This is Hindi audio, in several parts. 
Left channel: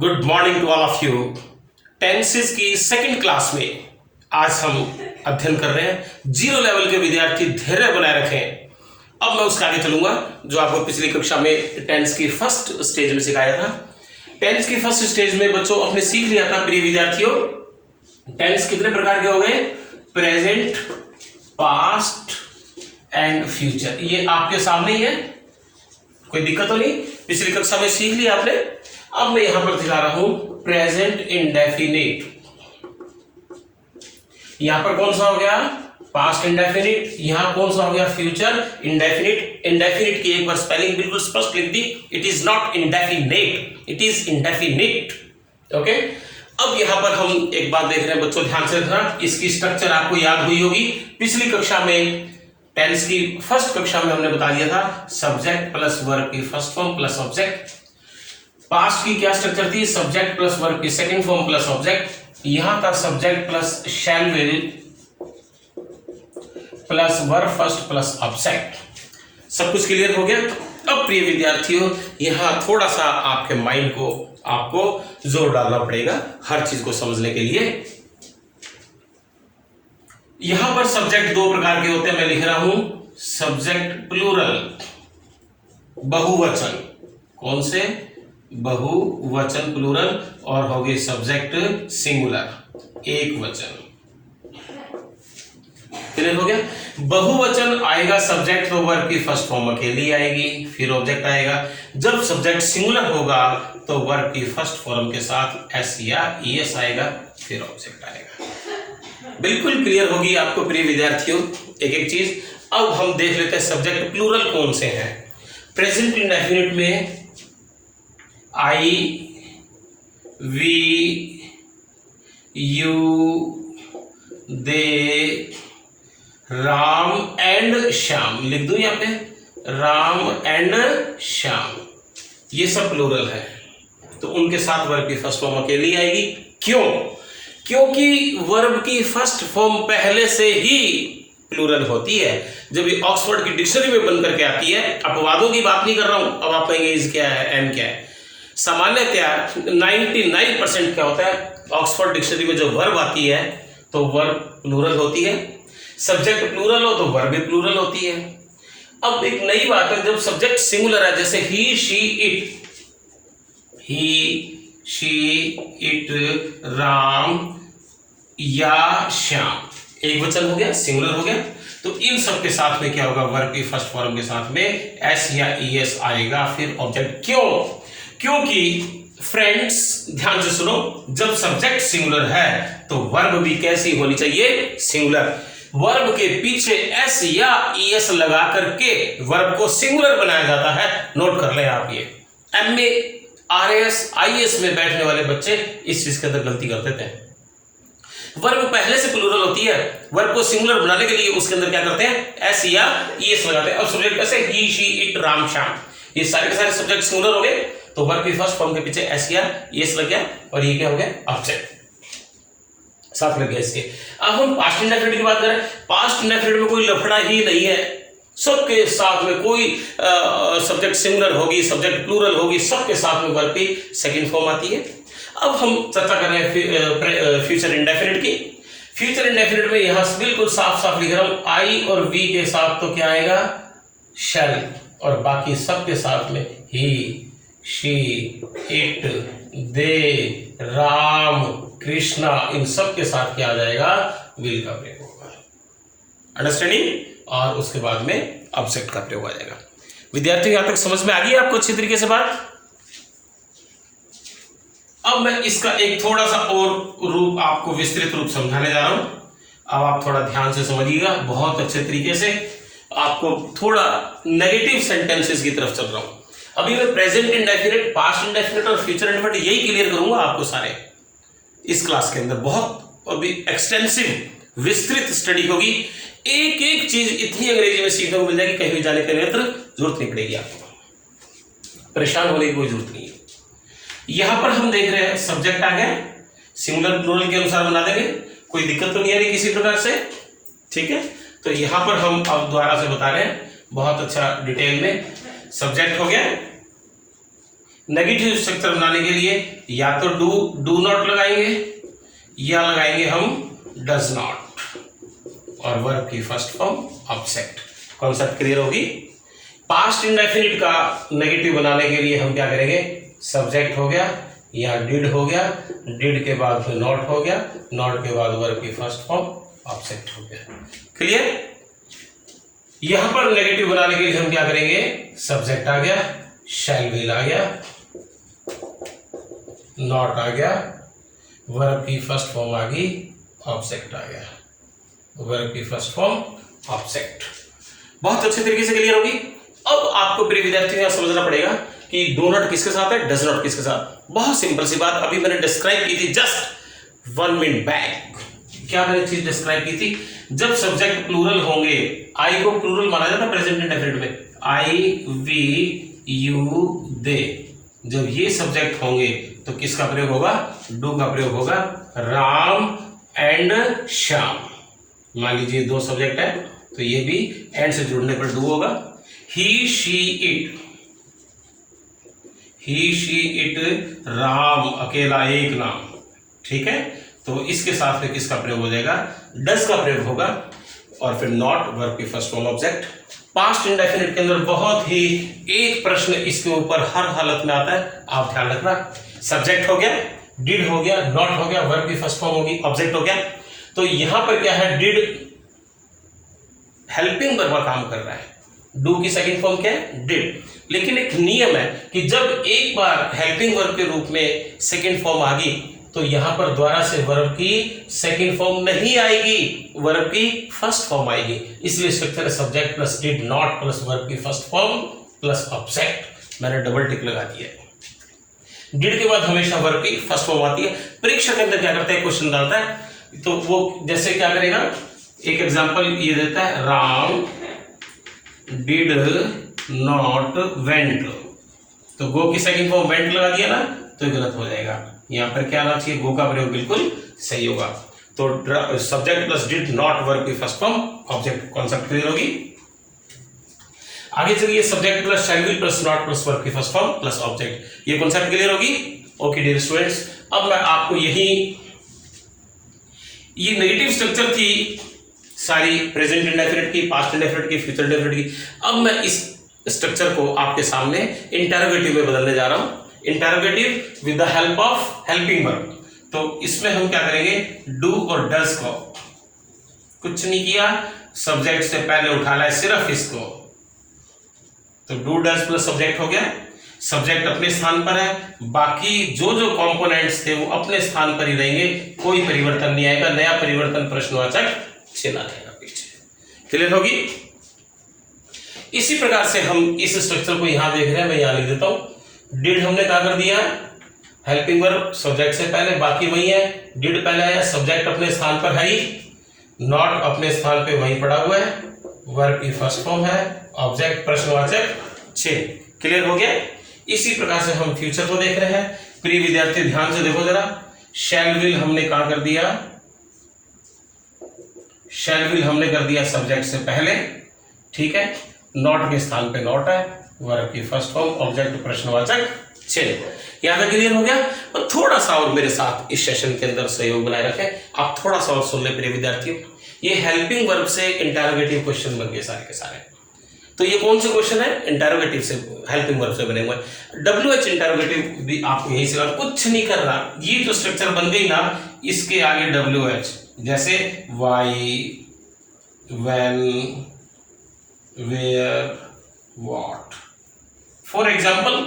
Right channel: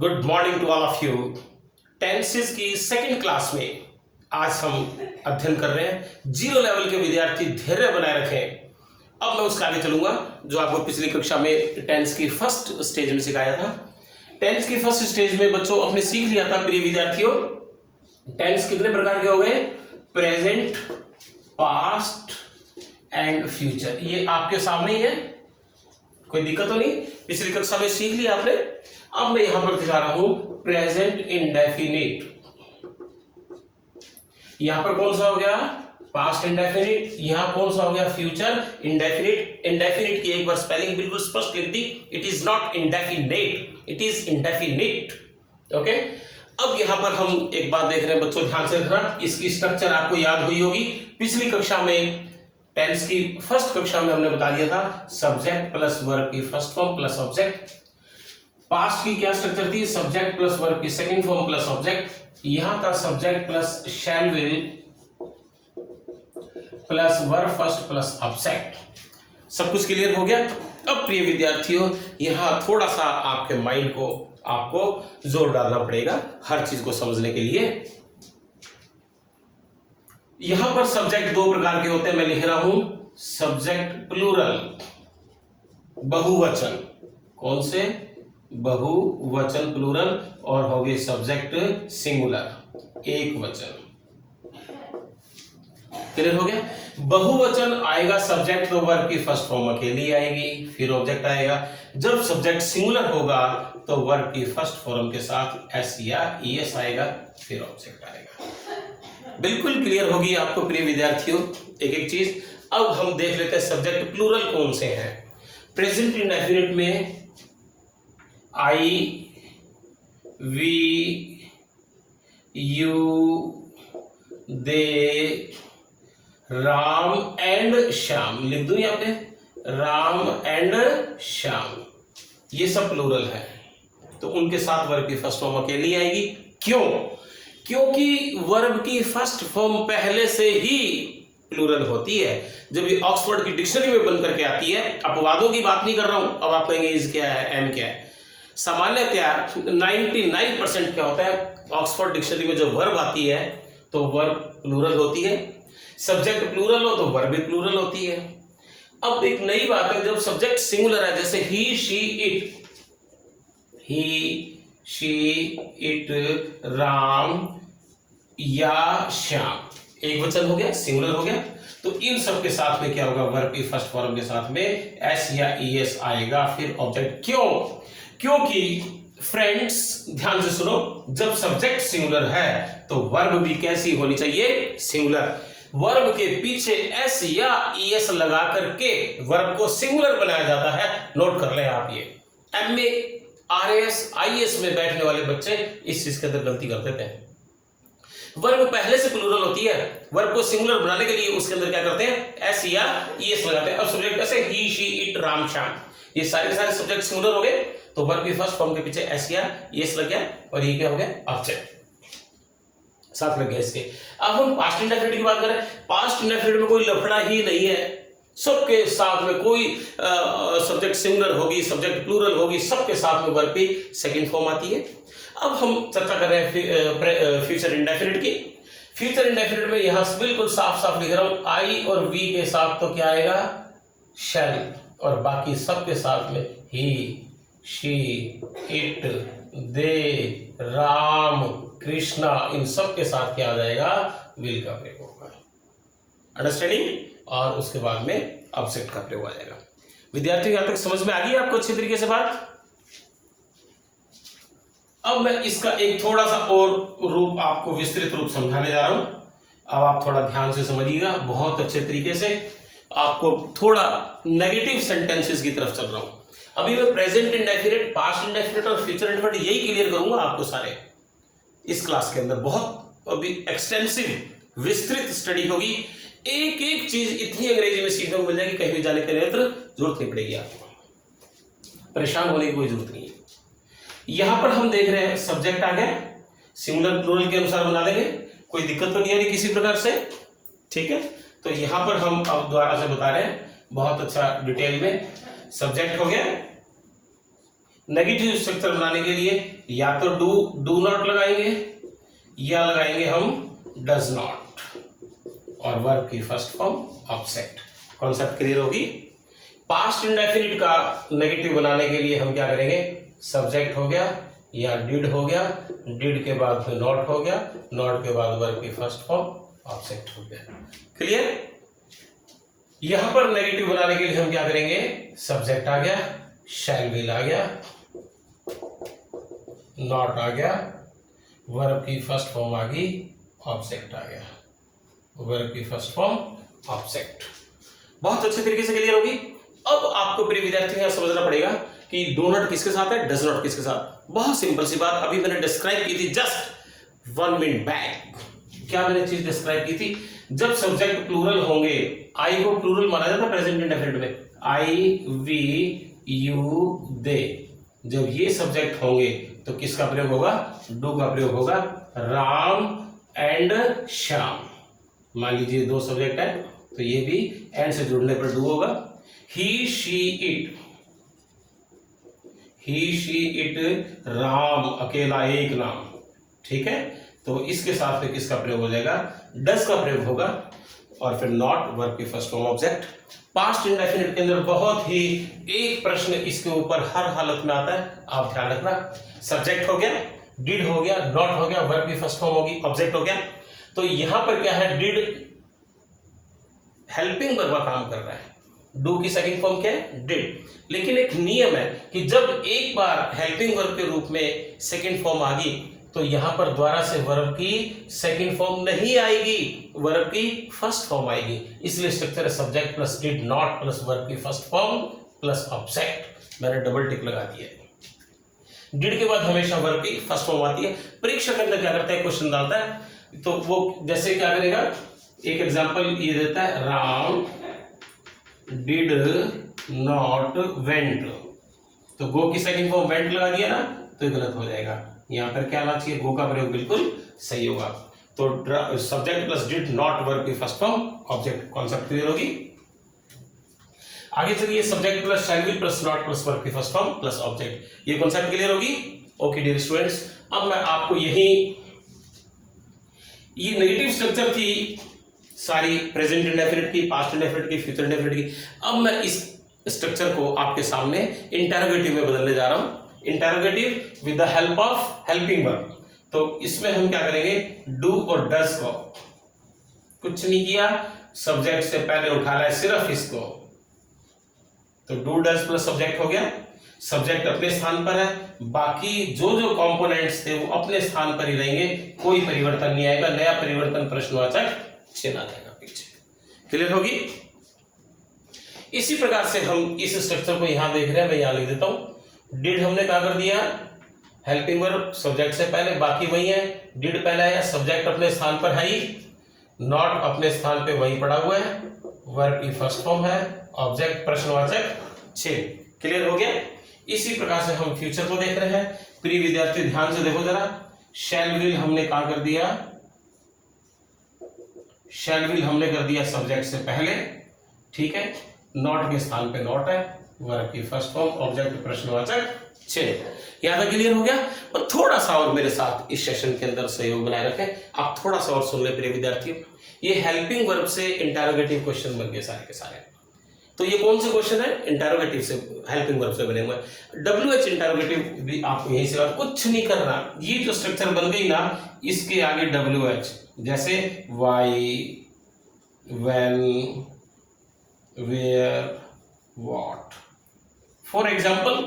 Good morning to all of you. Tenses की सेकंड क्लास में आज हम अध्ययन कर रहे हैं जीरो लेवल के विद्यार्थी धैर्य बनाए रखें। अब मैं उसके आगे चलूंगा जो आपको पिछली कक्षा में टेंस की फर्स्ट स्टेज में सिखाया था। टेंस की फर्स्ट स्टेज में बच्चों आपने सीख लिया था प्रिय विद्यार्थियों, टेंस कितने प्रकार के हो गए? Present, past and future. ये आपके सामने ही है, कोई दिक्कत तो नहीं, पिछली कक्षा में सीख लिया आपने। अब मैं यहां पर दिखा रहा हूं प्रेजेंट इंडेफिनिट। यहां पर कौन सा हो गया? Past indefinite. यहां कौन सा हो गया? Future indefinite. इंडेफिनिट की एक बार स्पेलिंग बिल्कुल स्पष्ट लिख दी, it is not indefinite, it is indefinite. Okay, अब यहां पर हम एक बात देख रहे हैं बच्चों, ध्यान से देखना। इसकी स्ट्रक्चर आपको याद हुई होगी, पिछली कक्षा में टेंस की फर्स्ट कक्षा में हमने बता दिया था सब्जेक्ट प्लस वर्ब की first form plus object. Past की क्या स्ट्रक्चर थी? सब्जेक्ट प्लस वर्ब की सेकंड फॉर्म प्लस ऑब्जेक्ट। यहां था subject plus shall will plus verb first plus object. सब कुछ क्लियर हो गया? अब प्रिय विद्यार्थियों, यहां थोड़ा सा आपके माइंड को आपको जोर डालना पड़ेगा हर चीज को समझने के लिए। यहां पर सब्जेक्ट दो प्रकार के होते हैं, मैं लिख रहा हूं सब्जेक्ट प्लूरल, बहुवचन। कौन से? बहुवचन प्लूरल, और हो गए सब्जेक्ट सिंगुलर, एक वचन। क्लियर हो गया? बहुवचन आएगा सब्जेक्ट तो वर्ब की फर्स्ट फॉर्म अकेली आएगी, फिर ऑब्जेक्ट आएगा। जब सब्जेक्ट सिंगुलर होगा तो वर्ब की फर्स्ट फॉर्म के साथ एस या ईएस आएगा, फिर ऑब्जेक्ट आएगा। बिल्कुल क्लियर होगी आपको प्रिय विद्यार्थियों एक एक चीज। अब हम देख लेते हैं सब्जेक्ट प्लूरल कौन से हैं। प्रेजेंट इंडेफिनिट में I, we, you, they, Ram and Shyam. लिख दूं यहाँ पे राम एंड श्याम, ये सब प्लूरल है, तो उनके साथ वर्ब की फर्स्ट फॉर्म अकेली आएगी। क्यों? क्योंकि वर्ब की फर्स्ट फॉर्म पहले से ही प्लूरल होती है। जब ये ऑक्सफोर्ड की डिक्शनरी में बन करके आती है, अपवादों की बात नहीं कर रहा हूं, अब आप कहेंगे इज क्या है, एम क्या है। सामान्यतया 99% क्या होता है, ऑक्सफोर्ड डिक्शनरी में जो वर्ब आती है तो वर्ब प्लूरल होती है, सब्जेक्ट प्लूरल हो तो वर्ब भी प्लूरल होती है। अब एक नई बात है, जब सब्जेक्ट सिंगुलर है, जैसे he, she, it, he, she, it, Ram या श्याम, एक वचन हो गया, सिंगुलर हो गया। तो इन सब के साथ में क्या होगा? वर्ब की फर्स्ट फॉर्म के साथ में एस या ईएस आएगा, फिर ऑब्जेक्ट। क्यों? क्योंकि फ्रेंड्स ध्यान से सुनो, जब सब्जेक्ट सिंगुलर है तो वर्ब भी कैसी होनी चाहिए? सिंगुलर। वर्ब के पीछे एस या ईएस लगा करके वर्ब को सिंगुलर बनाया जाता है। नोट कर लें आप, ये एमए, आरएस, आईएएस में बैठने वाले बच्चे इस चीज के अंदर गलती कर देते हैं। वर्ब पहले से प्लूरल होती है, वर्ब को सिंगुलर बनाने के लिए उसके अंदर क्या करते हैं? एस या ईएस लगाते हैं। और सब्जेक्ट कैसे? ही, शी, इट, राम, श्याम, ये सारे के सारे सब्जेक्ट सिंगुलर हो गए, तो वर्ब की फर्स्ट फॉर्म के पीछे एस या ईएस लग गया, और ये क्या हो गया? ऑब्जेक्ट साथ में इसके। अब हम पास्ट इंडेफिनिट की बात करें, पास्ट इंडेफिनिट में कोई लफड़ा ही नहीं है, सबके साथ में कोई सब्जेक्ट सिंगुलर होगी, सब्जेक्ट प्लूरल होगी, सबके साथ में वर्ब की सेकंड फॉर्म आती है। अब हम चर्चा कर रहे हैं फ्यूचर इंडेफिनिट की। फ्यूचर इंडेफिनिट में यहां से बिल्कुल साफ साफ लिख रहा हूं, आई और वी के साथ तो क्या आएगा? शैल, और बाकी सबके साथ में ही, शी, इट, दे, राम, कृष्णा, इन सब के साथ क्या आ जाएगा? विल का प्रयोग होगा। अंडरस्टैंडिंग? और उसके बाद में ऑब्जेक्ट का प्रयोग आ जाएगा। विद्यार्थी यहां तक समझ में आ गई आपको अच्छी तरीके से बात? अब मैं इसका एक थोड़ा सा और रूप आपको विस्तृत रूप समझाने जा रहा हूं। अब आप थोड़ा ध्यान से समझिएगा, बहुत अच्छे तरीके से। आपको थोड़ा नेगेटिव सेंटेंसेस की तरफ चल रहा हूं। अभी मैं प्रेजेंट इंडेफिनिट, पास्ट इंडेफिनिट और फ्यूचर इंडेफिनिट यही क्लियर करूंगा आपको सारे इस क्लास के अंदर। बहुत अभी एक्सटेंसिव विस्तृत स्टडी होगी, एक एक चीज इतनी अंग्रेजी में सीखने को मिल जाएगी, कहीं भी जाने की जरूरत नहीं पड़ेगी आपको, परेशान होने की कोई जरूरत नहीं है। यहां पर हम देख रहे हैं सब्जेक्ट आ गया, सिंगुलर प्लूरल के अनुसार बना देंगे, कोई दिक्कत तो नहीं आ रही किसी प्रकार से, ठीक है। तो यहां पर हम अब दोबारा से बता रहे हैं बहुत अच्छा डिटेल में। सब्जेक्ट हो गया, नेगेटिव स्ट्रक्चर बनाने के लिए या तो डू नॉट लगाएंगे या लगाएंगे हम डज नॉट और वर्ब की first form object. Concept clear होगी। पास्ट इंडेफिनिट का नेगेटिव बनाने के लिए हम क्या करेंगे, सब्जेक्ट हो गया या डिड हो गया, डिड के बाद में नॉट हो गया, नॉट के बाद वर्ब की फर्स्ट फॉर्म ऑब्जेक्ट हो गया। क्लियर। यहां पर नेगेटिव बनाने के लिए हम क्या करेंगे, सब्जेक्ट आ गया, शैल विल आ गया, नॉट आ गया, वर्ब की फर्स्ट फॉर्म आ गई, ऑब्जेक्ट आ गया, वर्ब की फर्स्ट फॉर्म ऑब्जेक्ट। बहुत अच्छे तरीके से क्लियर होगी। अब आपको प्रिय विद्यार्थियों समझना पड़ेगा कि डू नॉट किसके साथ है, डज नॉट किसके साथ। बहुत सिंपल सी बात अभी मैंने डिस्क्राइब की थी जस्ट 1 मिनट बैक। क्या मैंने चीज डिस्क्राइब की थी, जब सब्जेक्ट प्लूरल होंगे, आई को प्लूरल माना जाता है प्रेजेंट इंडेफिनिट में, आई वी यू दे, जब ये सब्जेक्ट होंगे तो किसका प्रयोग होगा, डू का प्रयोग होगा। राम एंड श्याम, मान लीजिए 2 सब्जेक्ट है तो ये भी एंड से जुड़ने पर डू होगा। He she it, he she it, Ram अकेला एक नाम, ठीक है, तो इसके साथ में किसका प्रयोग हो जाएगा, डज का प्रयोग होगा। और फिर नॉट वर्ब की first form object. Past indefinite के अंदर बहुत ही एक प्रश्न इसके ऊपर हर हालत में आता है, आप ध्यान रखना। सब्जेक्ट हो गया, डिड हो गया, नॉट हो गया, वर्ब की फर्स्ट फॉर्म होगी, ऑब्जेक्ट हो गया। तो यहां पर क्या है, डिड हेल्पिंग वर्ब का काम कर रहा है, डू की सेकंड फॉर्म क्या है, डिड। लेकिन एक नियम है कि जब एक बार हेल्पिंग वर्ब के रूप में सेकंड फॉर्म आ गई तो यहां पर दोबारा से वर्ब की सेकंड फॉर्म नहीं आएगी, वर्ब की फर्स्ट फॉर्म आएगी। इसलिए structure subject plus did not plus verb की फर्स्ट फॉर्म प्लस ऑब्जेक्ट। मैंने डबल टिक लगा दिया है। डिड के बाद हमेशा वर्ब की फर्स्ट फॉर्म आती है। परीक्षा के अंदर क्या करता है, क्वेश्चन डालता है तो वो जैसे क्या करेगा, एक एग्जांपल ये देता है, राम डिड नॉट वेंट, तो गो की सेकंड फॉर्म वेंट लगा दिया ना तो गलत हो जाएगा। यहां पर क्या आना चाहिए, गो का प्रयोग बिल्कुल सही होगा। तो subject plus did not verb की first form object. Concept clear होगी। आगे चलिए, subject plus shall will plus not plus verb की फर्स्ट फॉर्म प्लस ऑब्जेक्ट। ये कॉन्सेप्ट क्लियर होगी। ओके डियर स्टूडेंट्स, अब मैं आपको ये नेगेटिव स्ट्रक्चर थी सारी, प्रेजेंट इंडेफिनिट की, पास्ट इंडेफिनिट की, फ्यूचर इंडेफिनिट की। अब मैं इस स्ट्रक्चर को आपके सामने इंटरोगेटिव में बदलने जा रहा हूं, interrogative with the help of helping verb. तो इसमें हम क्या करेंगे, डू और डज को कुछ नहीं किया, सब्जेक्ट से पहले उठा लाए सिर्फ इसको, तो डू डज प्लस सब्जेक्ट हो गया। सब्जेक्ट अपने स्थान पर है, बाकी जो जो कंपोनेंट्स थे वो अपने स्थान पर ही रहेंगे, कोई परिवर्तन नहीं आएगा। नया परिवर्तन प्रश्नवाचक चिन्ह आएगा पीछे। क्लियर होगी। इसी प्रकार से हम इस स्ट्रक्चर को यहां देख रहे हैं, मैं यहां लिख देता हूं। डिड हमने कहा कर दिया, हेल्पिंग वर्ब सब्जेक्ट से पहले, बाकी वही है। डिड पहले है, सब्जेक्ट अपने स्थान पर है ही, नॉट अपने स्थान पे वही पड़ा हुआ है, वर्ब की फर्स्ट फॉर्म है, ऑब्जेक्ट प्रश्नवाचक चिन्ह। क्लियर हो गया। इसी प्रकार से हम फ्यूचर को देख रहे हैं। प्रिय विद्यार्थी ध्यान से देखो जरा, शैल विल हमने कहा कर दिया, शैल विल हमने कर दिया सब्जेक्ट से पहले, ठीक है, नॉट के स्थान पे नॉट है, वर्ब की फर्स्ट फॉर्म, ऑब्जेक्ट प्रश्नवाचक चिन्ह। यहां तक क्लियर हो गया। और थोड़ा सा और मेरे साथ इस सेशन के अंदर सहयोग बनाए रखें, आप थोड़ा सा और सुन ले प्रिय विद्यार्थियों। ये हेल्पिंग वर्ब से इंटरोगेटिव क्वेश्चन बन गए सारे के सारे। तो ये कौन से क्वेश्चन है, इंटरोगेटिव से, हेल्पिंग वर्ब से बने हुए हैं। WH इंटरोगेटिव भी आपको यहीं से, कुछ नहीं करना, ये जो स्ट्रक्चर बन गई ना, इसके आगे WH, जैसे why, when, where, what, for example.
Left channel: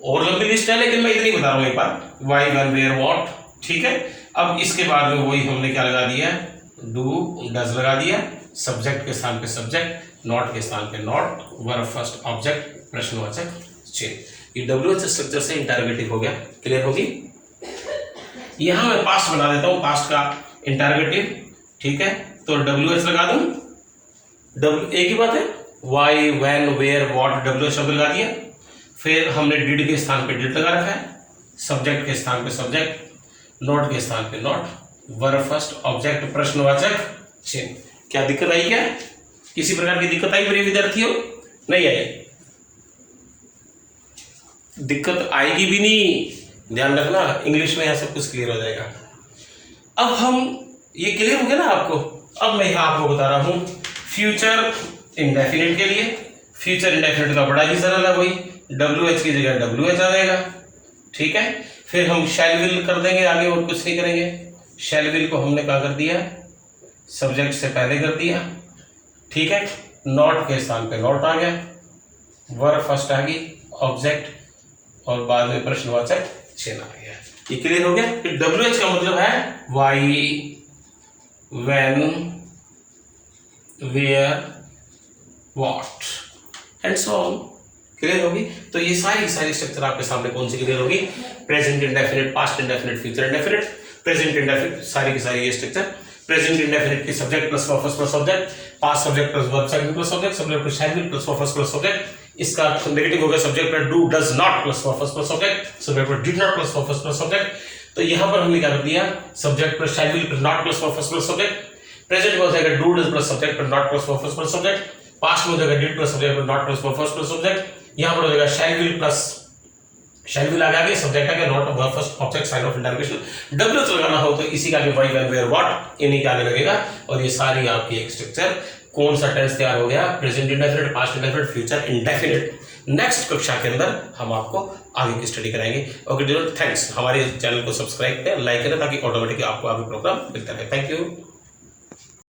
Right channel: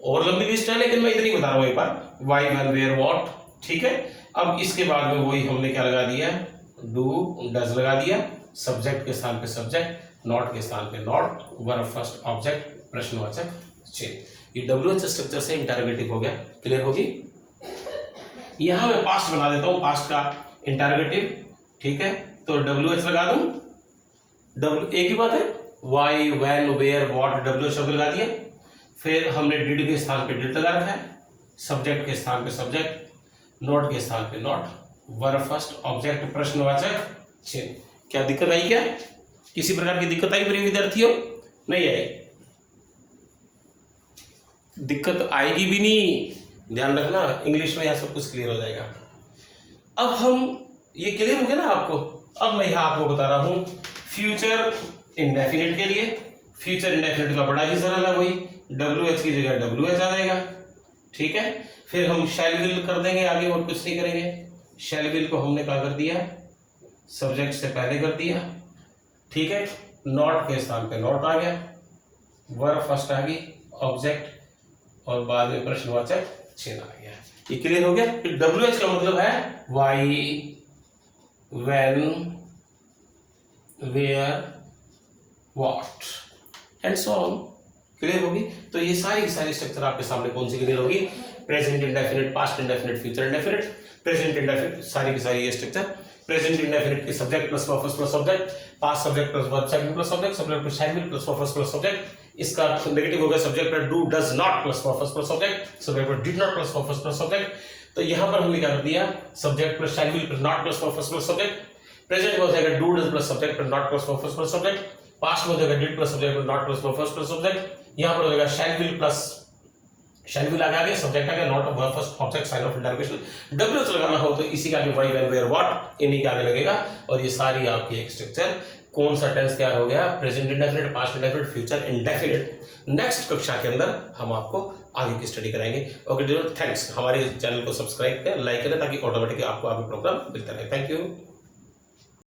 और लंबी लिस्ट है लेकिन मैं इतनी बता रहा हूं एक बार, वाई, व्हेन, वेयर, व्हाट, ठीक है। अब इसके बाद में वही हमने क्या लगा दिया, डू डज लगा दिया, सब्जेक्ट के स्थान पे सब्जेक्ट, नॉट के स्थान पे नॉट, वर्ब फर्स्ट, ऑब्जेक्ट प्रश्नवाचक चिन्ह। ये WH स्ट्रक्चर से इंटरोगेटिव हो गया। क्लियर होगी। यहां मैं पास्ट बना देता हूं, पास्ट का इंटरोगेटिव, ठीक है। तो WH लगा दूं, एक ही बात है, why, when, where, what, WH शब्द लगा दिया। फिर हमने डिड के स्थान पे डिड लगा रखा है, सब्जेक्ट के स्थान पे सब्जेक्ट, नॉट के स्थान पे नॉट, वर्ब फर्स्ट, ऑब्जेक्ट प्रश्नवाचक चिन्ह। क्या दिक्कत आई क्या, किसी प्रकार की दिक्कत आई मेरे विद्यार्थियों, नहीं आई। दिक्कत आएगी भी नहीं, ध्यान रखना, इंग्लिश में यहाँ सब कुछ क्लियर हो जाएगा। अब हम ये क्लियर हो गया ना आपको। अब मैं यहाँ आपको बता रहा हूँ फ्यूचर इंडेफिनिट के लिए। फ्यूचर इंडेफिनिट का बड़ा ही सरल है, वही WH की जगह WH आ जाएगा, ठीक है। फिर हम शैल विल कर देंगे आगे, और कुछ नहीं करेंगे। शैल विल को हमने क्या कर दिया, सब्जेक्ट से पहले कर दिया, ठीक है। नॉट के स्थान पे नॉट आ गया, वर्ब फर्स्ट आ गई, ऑब्जेक्ट, और बाद में प्रश्नवाचक चिन्ह आ गया। ये क्लियर हो गया। फिर WH का मतलब है why, when, where, what and so on. Clear होगी। तो ये सारी स्ट्रक्चर आपके सामने कौन सी क्लियर होगी, present indefinite, past indefinite, future indefinite, present indefinite, सारी की सारी ये स्ट्रक्चर। प्रेजेंट इंडेफिनिट की subject plus verb first plus subject, past subject plus verb second plus subject, subject plus shall will plus verb first plus subject. इसका नेगेटिव हो गया सब्जेक्ट पर do does not plus verb first plus subject, subject पर did not plus verb first plus subject. तो यहां पर हमने क्या कर दिया, subject plus shall will plus not plus verb first plus subject. Present में हो जाएगा डू डज प्लस सब्जेक्ट पर not plus verb first plus subject. Past में हो जाएगा डिड प्लस सब्जेक्ट पर not plus verb first plus subject. यहां पर हो जाएगा shall will plus shall will आ गया, सब्जेक्ट आ गया, not verb first object sign of interrogation. WH लगाना हो तो इसी का आगे वाई, व्हेन, वेयर, व्हाट, इन्हीं के आगे लगेगा। और ये सारी आपकी एक स्ट्रक्चर, कौन सा टेंस तैयार हो गया, present indefinite, past indefinite, future indefinite. Next कक्षा के अंदर हम आपको आगे की स्टडी कराएंगे। Okay dear, thanks. हमारे चैनल को सब्सक्राइब करें, लाइक करें, ताकि ऑटोमेटिकली आपको आगे प्रोग्राम मिलता रहे। Thank you.